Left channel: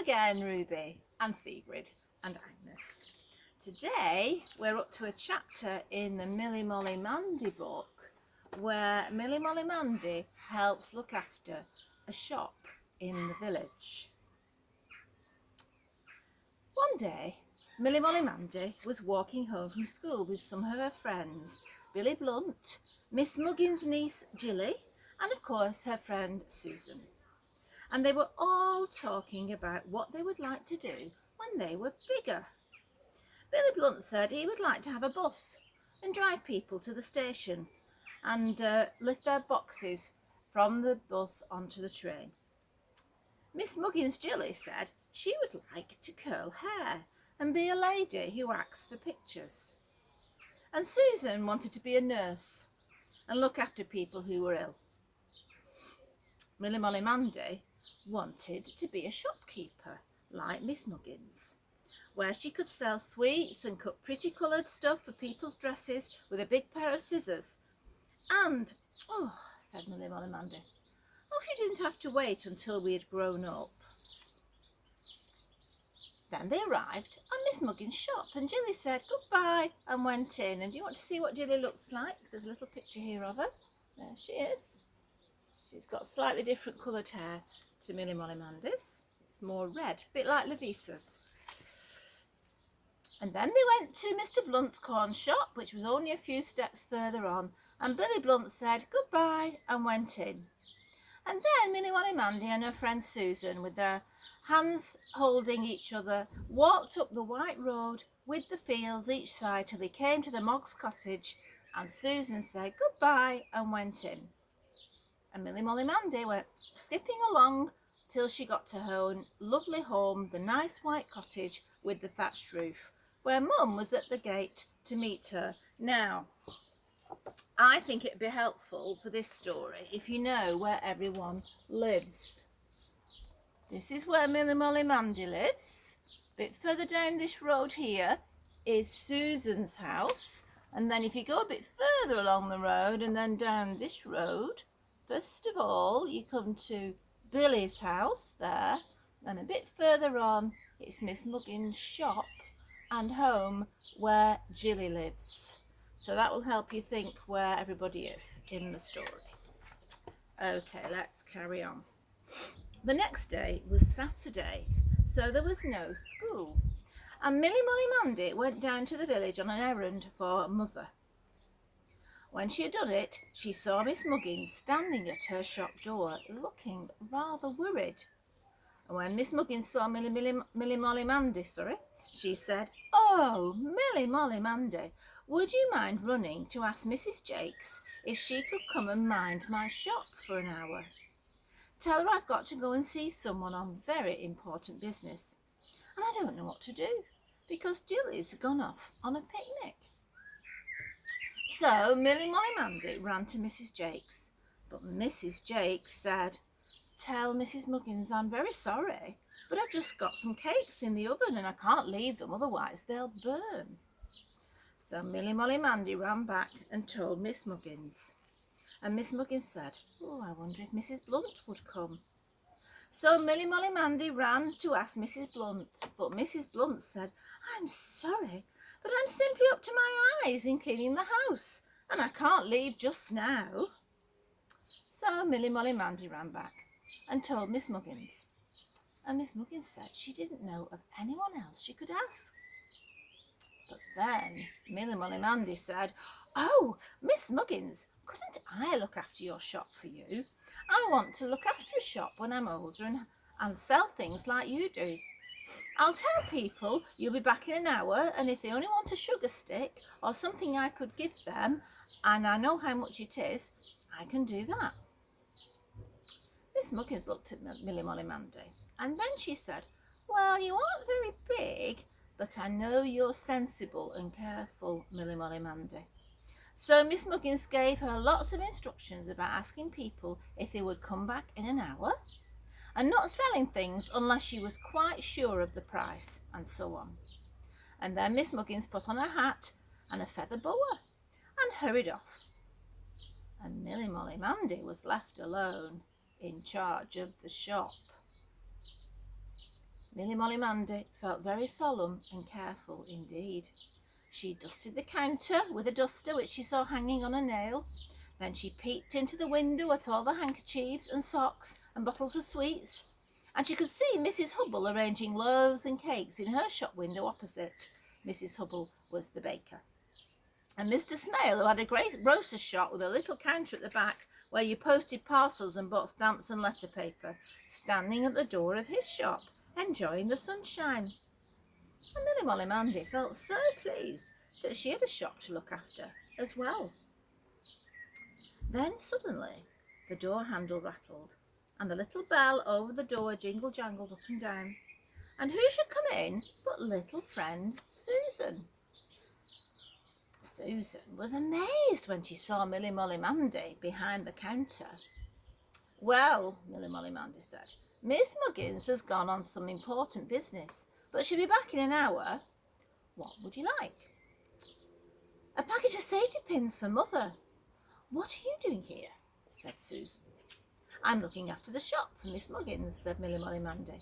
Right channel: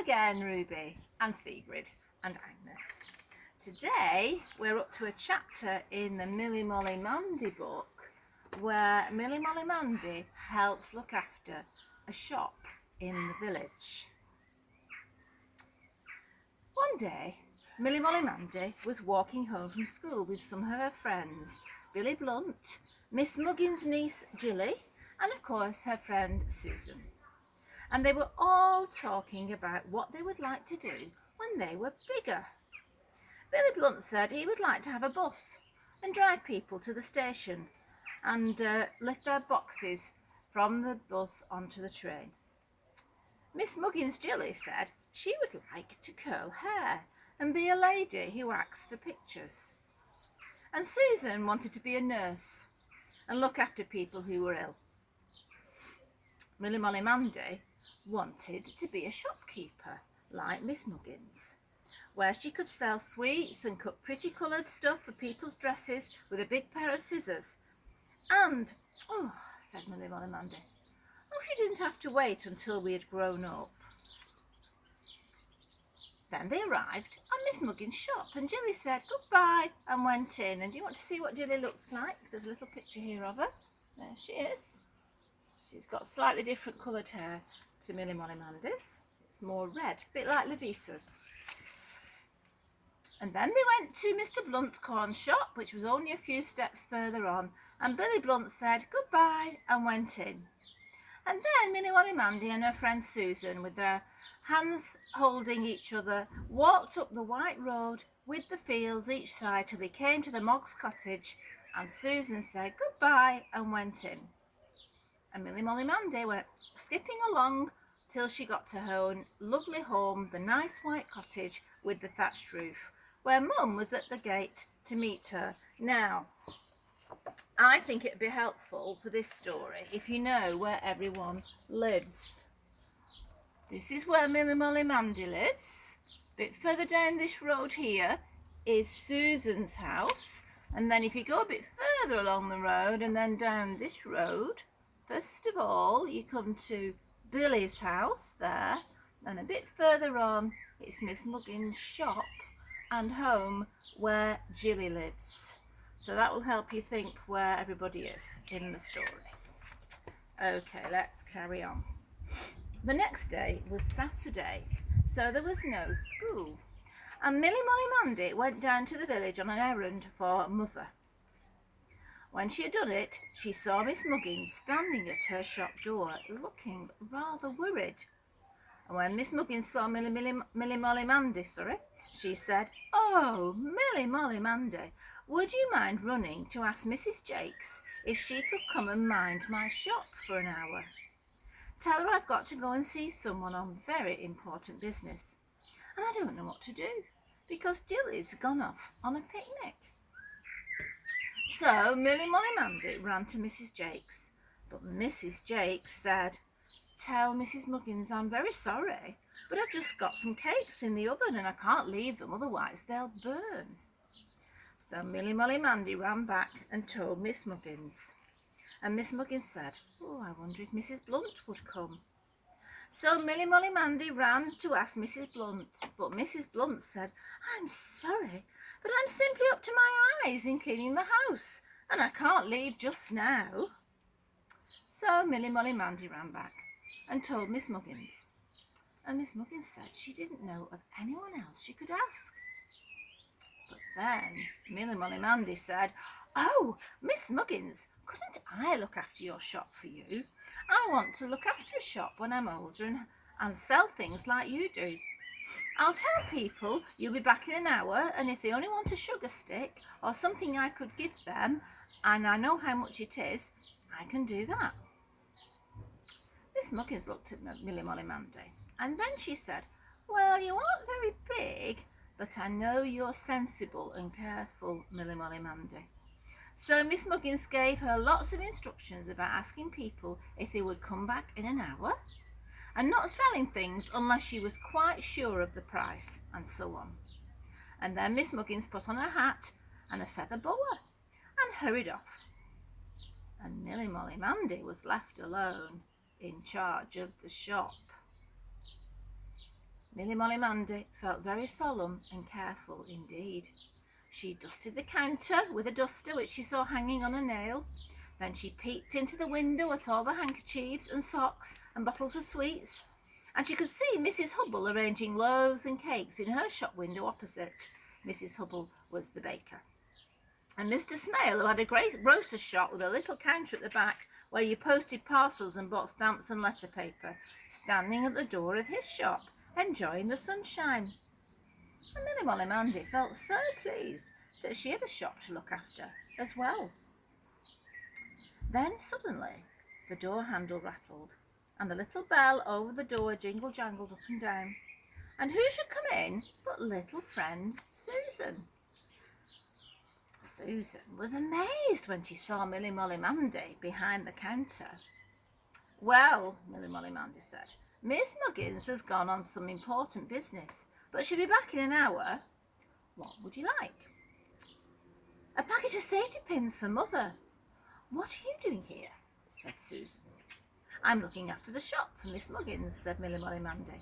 again, Ruby and Sigrid and Agnes. Today we're up to a chapter in the Millie Molly Mandy book where Millie Molly Mandy helps look after a shop in the village. One day, Millie Molly Mandy was walking home from school with some of her friends, Billy Blunt, Miss Muggins's niece Jilly, and of course her friend Susan. And they were all talking about what they would like to do when they were bigger. Billy Blunt said he would like to have a bus and drive people to the station and lift their boxes from the bus onto the train. Miss Muggins's Jilly said she would like to curl hair and be a lady who acts for pictures. And Susan wanted to be a nurse and look after people who were ill. Millie Molly Mandy wanted to be a shopkeeper like Miss Muggins, where she could sell sweets and cut pretty coloured stuff for people's dresses with a big pair of scissors. And, oh, said Millie Molly Mandy, oh, you didn't have to wait until we had grown up. Then they arrived at Miss Muggins' shop and Jilly said goodbye and went in. And do you want to see what Jilly looks like? There's a little picture here of her. There she is. She's got slightly different coloured hair to Millie Molly Mandy's. It's more red, a bit like Lavisa's. And then they went to Mr. Blunt's corn shop, which was only a few steps further on, and Billy Blunt said goodbye and went in. And then Millie Molly Mandy and her friend Susan, with their hands holding each other, walked up the white road with the fields each side till they came to the Moggs' cottage, and Susan said goodbye and went in. And Millie Molly Mandy went skipping along till she got to her own lovely home, the nice white cottage with the thatched roof, where Mum was at the gate to meet her. Now, I think it'd be helpful for this story if you know where everyone lives. This is where Millie Molly Mandy lives. A bit further down this road here is Susan's house. And then if you go a bit further along the road and then down this road, first of all, you come to Billy's house there, and a bit further on, it's Miss Muggins' shop and home where Jilly lives. So that will help you think where everybody is in the story. Okay, let's carry on. The next day was Saturday, so there was no school. And Millie Molly Mandy went down to the village on an errand for Mother. When she had done it, she saw Miss Muggins standing at her shop door, looking rather worried. And when Miss Muggins saw Millie Molly Mandy, she said, "Oh, Millie Molly Mandy, would you mind running to ask Mrs. Jakes if she could come and mind my shop for an hour? Tell her I've got to go and see someone on very important business, and I don't know what to do because Jilly's gone off on a picnic." So Millie Molly Mandy ran to Mrs. Jakes, but Mrs. Jakes said, "Tell Mrs. Muggins I'm very sorry, but I've just got some cakes in the oven and I can't leave them, otherwise they'll burn." So Millie Molly Mandy ran back and told Miss Muggins. And Miss Muggins said, "Oh, I wonder if Mrs. Blunt would come." So Millie Molly Mandy ran to ask Mrs. Blunt, but Mrs. Blunt said, "I'm sorry, but I'm simply up to my eyes in cleaning the house, and I can't leave just now." So Millie Molly Mandy ran back and told Miss Muggins. And Miss Muggins said she didn't know of anyone else she could ask. But then Millie Molly Mandy said, "Oh, Miss Muggins, couldn't I look after your shop for you? I want to look after a shop when I'm older and sell things like you do. I'll tell people you'll be back in an hour, and if they only want a sugar stick or something I could give them, and I know how much it is, I can do that." Miss Muggins looked at Millie Molly Mandy, and then she said, "Well, you aren't very big, but I know you're sensible and careful, Millie Molly Mandy." So Miss Muggins gave her lots of instructions about asking people if they would come back in an hour, and not selling things unless she was quite sure of the price, and so on. And then Miss Muggins put on her hat and a feather boa and hurried off. And Millie Molly Mandy was left alone in charge of the shop. Milly Molly Mandy felt very solemn and careful indeed. She dusted the counter with a duster which she saw hanging on a nail. Then she peeked into the window at all the handkerchiefs and socks and bottles of sweets, and she could see Mrs. Hubble arranging loaves and cakes in her shop window opposite. Mrs. Hubble was the baker. And Mr. Snail, who had a great grocer's shop with a little counter at the back where you posted parcels and bought stamps and letter paper, standing at the door of his shop, enjoying the sunshine. And Milly Molly Mandy felt so pleased that she had a shop to look after as well. Then suddenly the door handle rattled, and the little bell over the door jingle-jangled up and down. And who should come in but little friend Susan. Susan was amazed when she saw Milly Molly Mandy behind the counter. "Well," Milly Molly Mandy said, "Miss Muggins has gone on some important business, but she'll be back in an hour. What would you like?" "A package of safety pins for Mother." "What are you doing here?" said Susan. "I'm looking after the shop for Miss Muggins," said Milly Molly Mandy.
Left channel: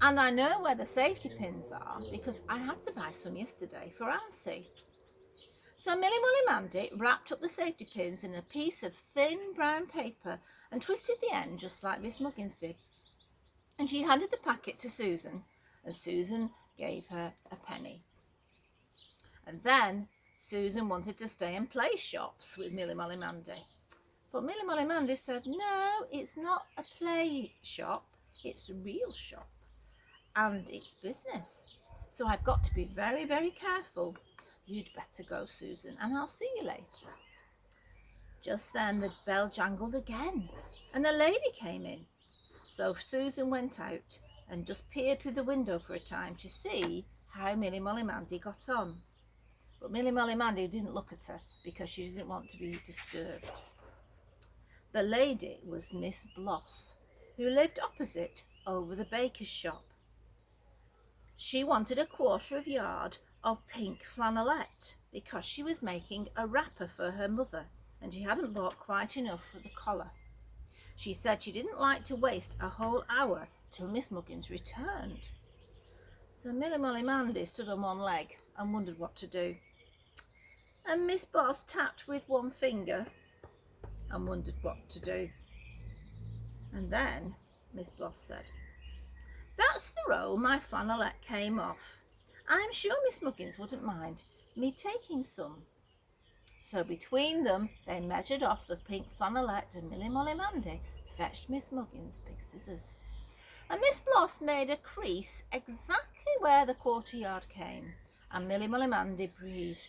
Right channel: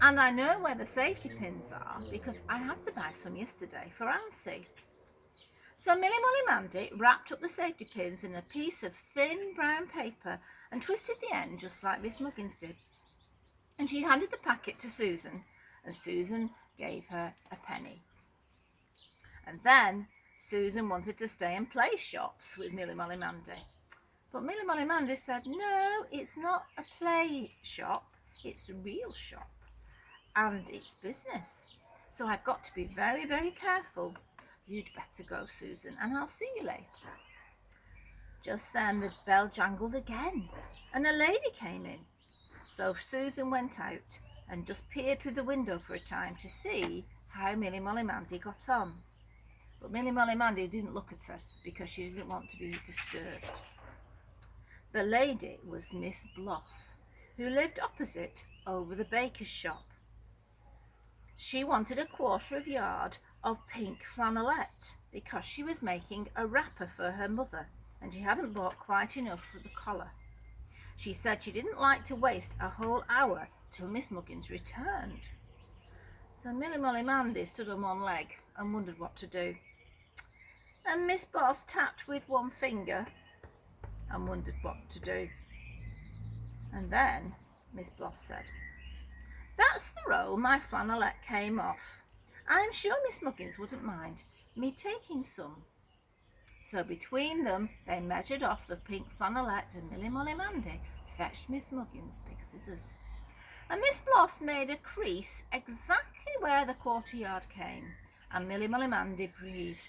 "And I know where the safety pins are because I had to buy some yesterday for Auntie." So Milly Molly Mandy wrapped up the safety pins in a piece of thin brown paper and twisted the end just like Miss Muggins did. And she handed the packet to Susan, and Susan gave her a penny. And then Susan wanted to stay and play shops with Milly Molly Mandy. But Milly Molly Mandy said, "No, it's not a play shop, it's a real shop, and it's business. So I've got to be very, very careful. You'd better go, Susan, and I'll see you later." Just then the bell jangled again, and a lady came in. So Susan went out and just peered through the window for a time to see how Milly Molly Mandy got on. But Milly Molly Mandy didn't look at her because she didn't want to be disturbed. The lady was Miss Bloss, who lived opposite over the baker's shop. She wanted a quarter of a yard of pink flannelette because she was making a wrapper for her mother and she hadn't bought quite enough for the collar. She said she didn't like to waste a whole hour till Miss Muggins returned. So Milly Molly Mandy stood on one leg and wondered what to do. And Miss Bloss tapped with one finger and wondered what to do. And then Miss Bloss said, "That's the row my flannelette came off. I'm sure Miss Muggins wouldn't mind me taking some." So between them they measured off the pink flannelette, and Milly Molly Mandy fetched Miss Muggins big scissors. And Miss Bloss made a crease exactly where the quarter yard came, and Milly Molly Mandy breathed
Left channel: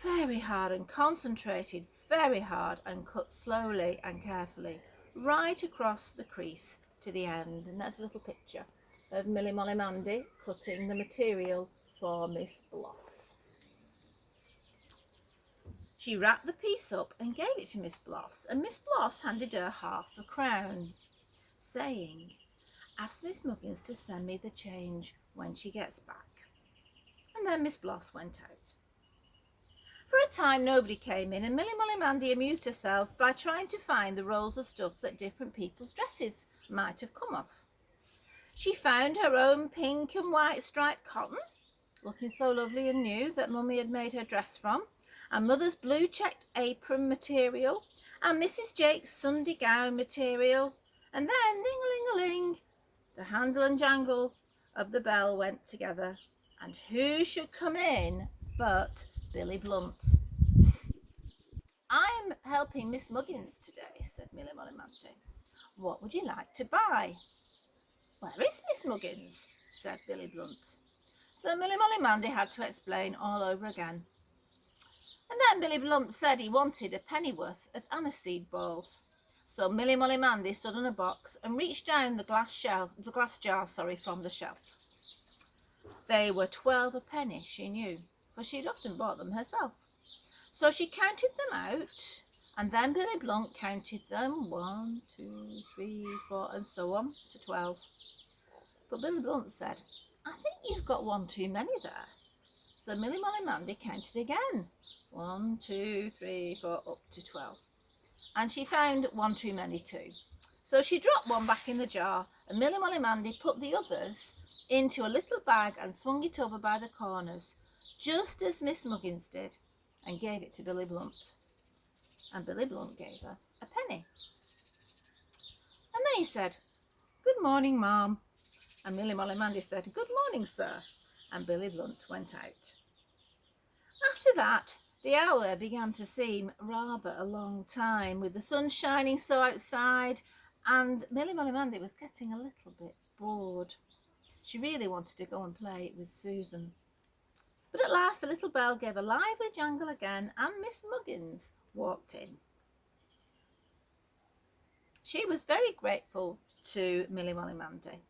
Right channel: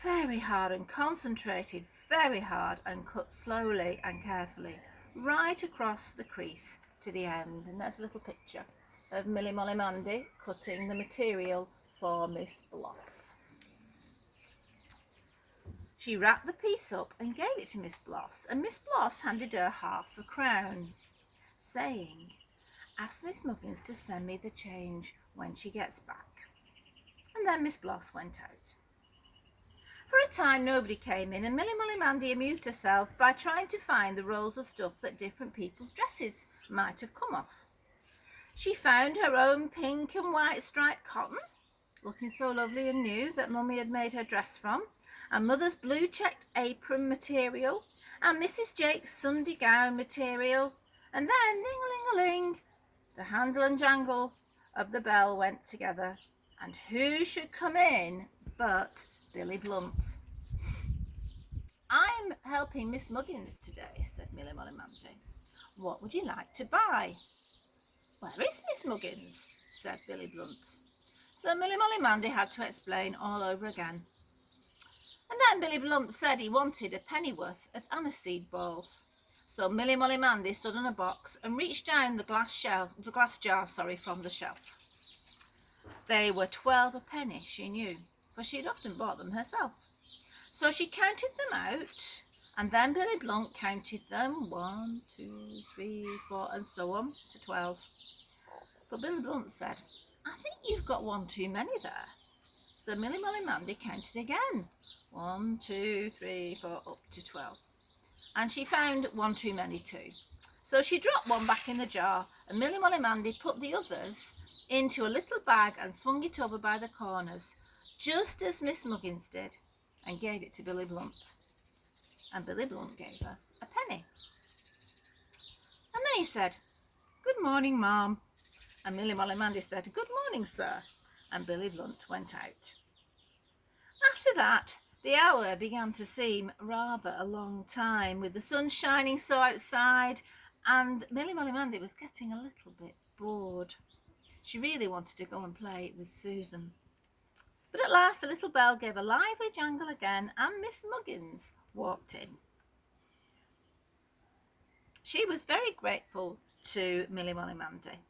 very hard and concentrated very hard and cut slowly and carefully right across the crease to the end. And there's a little picture of Milly Molly Mandy cutting the material for Miss Bloss. She wrapped the piece up and gave it to Miss Bloss, and Miss Bloss handed her half a crown, saying, "Ask Miss Muggins to send me the change when she gets back." And then Miss Bloss went out. For a time nobody came in, and Milly Molly Mandy amused herself by trying to find the rolls of stuff that different people's dresses might have come off. She found her own pink and white striped cotton, looking so lovely and new, that Mummy had made her dress from, and Mother's blue checked apron material, and Mrs. Jake's Sunday gown material. And then, ding-a-ling-a-ling, the handle and jangle of the bell went together, and who should come in but Billy Blunt. "I'm helping Miss Muggins today," said Milly Molly Mandy. "What would you like to buy?" "Where is Miss Muggins?" said Billy Blunt. So Milly Molly Mandy had to explain all over again. And then Billy Blunt said he wanted a pennyworth of aniseed balls. So Milly Molly Mandy stood on a box and reached down the glass jar from the shelf. They were 12 a penny, she knew, for she'd often bought them herself. So she counted them out, and then Billy Blunt counted them, 1, 2, 3, 4, and so on to 12. But Billy Blunt said, "I think you've got one too many there." So Milly Molly Mandy counted again, 1, 2, 3, 4, up to 12. And she found one too many too. So she dropped one back in the jar, and Milly Molly Mandy put the others into a little bag and swung it over by the corners, just as Miss Muggins did, and gave it to Billy Blunt. And Billy Blunt gave her a penny. And then he said, "Good morning, Ma'am." And Milly Molly Mandy said, "Good morning, sir." And Billy Blunt went out. After that, the hour began to seem rather a long time, with the sun shining so outside, and Milly Molly Mandy was getting a little bit bored. She really wanted to go and play with Susan. But at last the little bell gave a lively jangle again, and Miss Muggins walked in. She was very grateful to Milly Molly Mandy.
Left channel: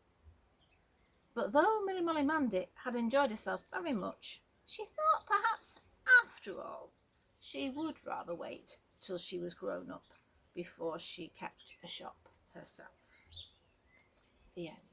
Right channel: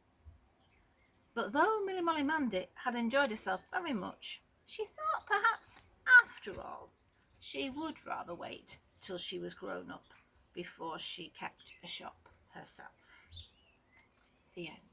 But though Milly Molly Mandy had enjoyed herself very much, she thought perhaps, after all, she would rather wait till she was grown up before she kept a shop herself. The end.